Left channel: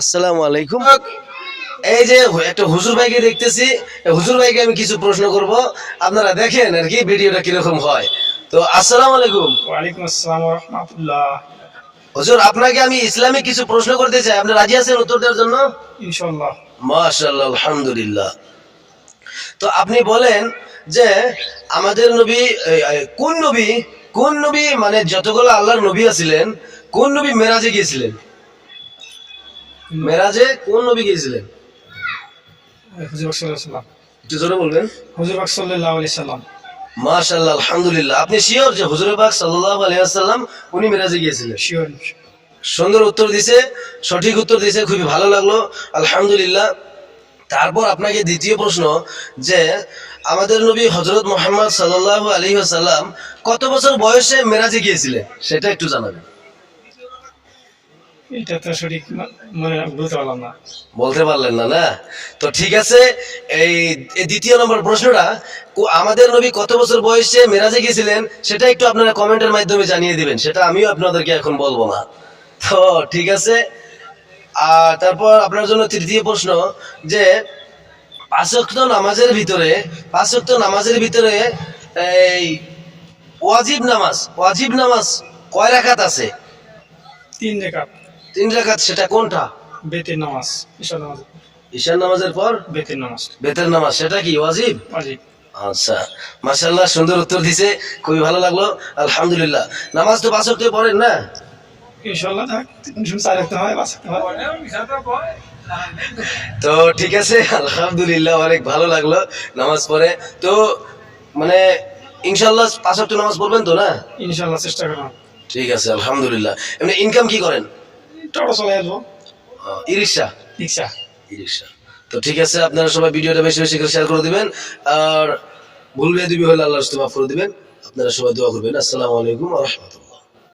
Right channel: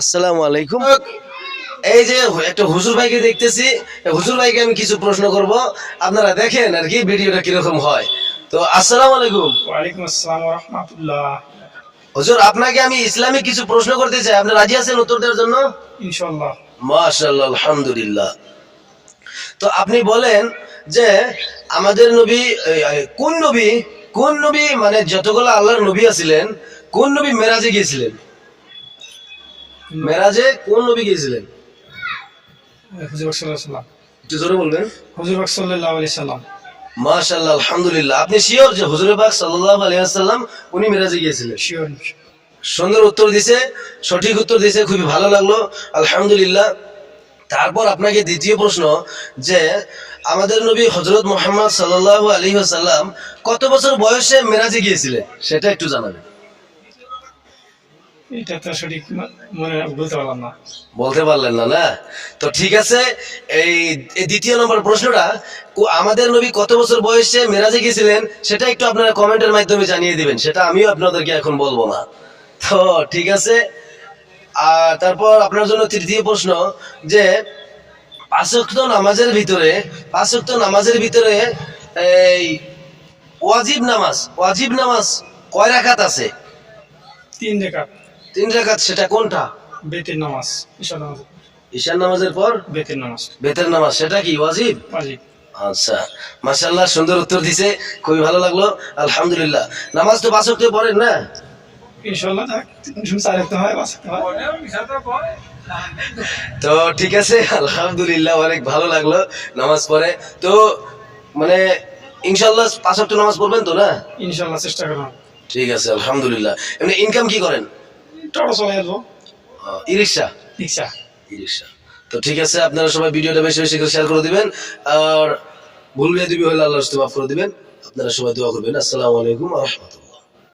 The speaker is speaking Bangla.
আসসালামু আলাইকুম। এই যে একটা হুজুর ভাইকে দেখতেছি, হুজুর ভাইকে আমি কিছু প্রশ্ন করব, আপনারা দেখেন আর কি ভিডিওটা কিরকম হয়। তো আসসালামু আলাইকুম। ওয়ালাইকুম আসসালাম ওয়া রাহমাতুল্লাহ। হুজুর, আপনাকে আমি ইসলামিক কিছু প্রশ্ন করতে চাই, আপনি রাজি আছেন উত্তর দেওয়ার জন্য? ইনশাআল্লাহ। মাশাআল্লাহ, আলহামদুলিল্লাহ। তো আপনি বলেন যে আমাদের নবী কোন নবী মানে যতগুলো আল্লাহর নবী আছিলেন, কোন নবী মেরাজে গিয়েছিলেন? মেরাজে কোন নবী গিয়েছিলেন? হুজুর পাক সাল্লাল্লাহু আলাইহি সাল্লাম। একটু জোরে বলবেন। হুজুর পাক সাল্লাল্লাহু আলাইহি সাল্লাম। মাশাআল্লাহ, আলহামদুলিল্লাহ। আপনি শিওর যে হুজুর পাক সাল্লাল্লাহু আলাইহি ওয়াসাল্লাম উনি মেরাজে গিয়েছিলেন? শিওর। সুন্দর উত্তর দিছে, সঠিক উত্তর দিছে, খুবই ভালো লাগলো, আলহামদুলিল্লাহ। তারপর আপনাকে দ্বিতীয় প্রশ্ন, যে আমাদের নবী হযরত মুহাম্মদ সাল্লাল্লাহু আলাইহি ওয়াসাল্লাম কত বছর বয়সে মেরাজে গিয়েছিলেন সেটা একটু জানাবেন। এটা তো সঠিক মনে বলতে পারলাম না। বলতে পারলেন না? না, তো ঠিক আছে। এই এই দ্বিতীয় নম্বর প্রশ্নটা, আমাদের নবী কত বছর বয়সে মেরাজে গিয়েছিলেন সেটা একটু আপনারা কমেন্টের মাধ্যমে জানিয়ে দিবেন, সেটা আমিও আপনাদেরকে এখন বলবো না। তো ঠিক আছে। আর তারপর আপনার জন্য তৃতীয় প্রশ্ন, যে পাঁচ ওয়াক্ত নামাজের ভিতরে এই ওয়াজিব নামাজ কয় রাকাত আছে? 3 রাকাত। 3 রাকাত। সেটা কোনটা? বেতের নামাজ। ঈশার নামাজ। ঈশার নামাজের পর বেতের নামাজ। বেতের নামাজ, সেটা কি ওয়াজিব? ওয়াজিব। আচ্ছা, মাশাআল্লাহ, সুন্দর উত্তর দিছে, খুবই ভালো লাগলো, আলহামদুলিল্লাহ। নামাজ তো 5 ওয়াক্ত পড়েন না? ইনশাআল্লাহ যাক 4 রাখতে হয়, 5 রাখতে হয়। তো ঠিক আছে, আলহামদুলিল্লাহ, অনেক ভালো লাগলো নামাজ পড়ে। তো মানে ইনশাআল্লাহ 5 ওয়াক্ত নামাজ পড়বেন তো? না, ইনশাআল্লাহ চেষ্টা করব। ঠিক আছে, আলহামদুলিল্লাহ। এমনি ইনকাম কি করেন? টোটো চালাই আসবো। ই রিক্সা। রিক্সা। তো ঠিক আছে, আপনারা সবাই ভিডিওটা বেশি বেশি করে শেয়ার করে দিবেন, আর ভুল বিয়াদবি হলে আল্লাহর রাস্তায় মাফ করে দিবেন। আপনারা সবাই দোয়া করবেন। আসসালামু আলাইকুম ওয়া রাহমাতুল্লাহ।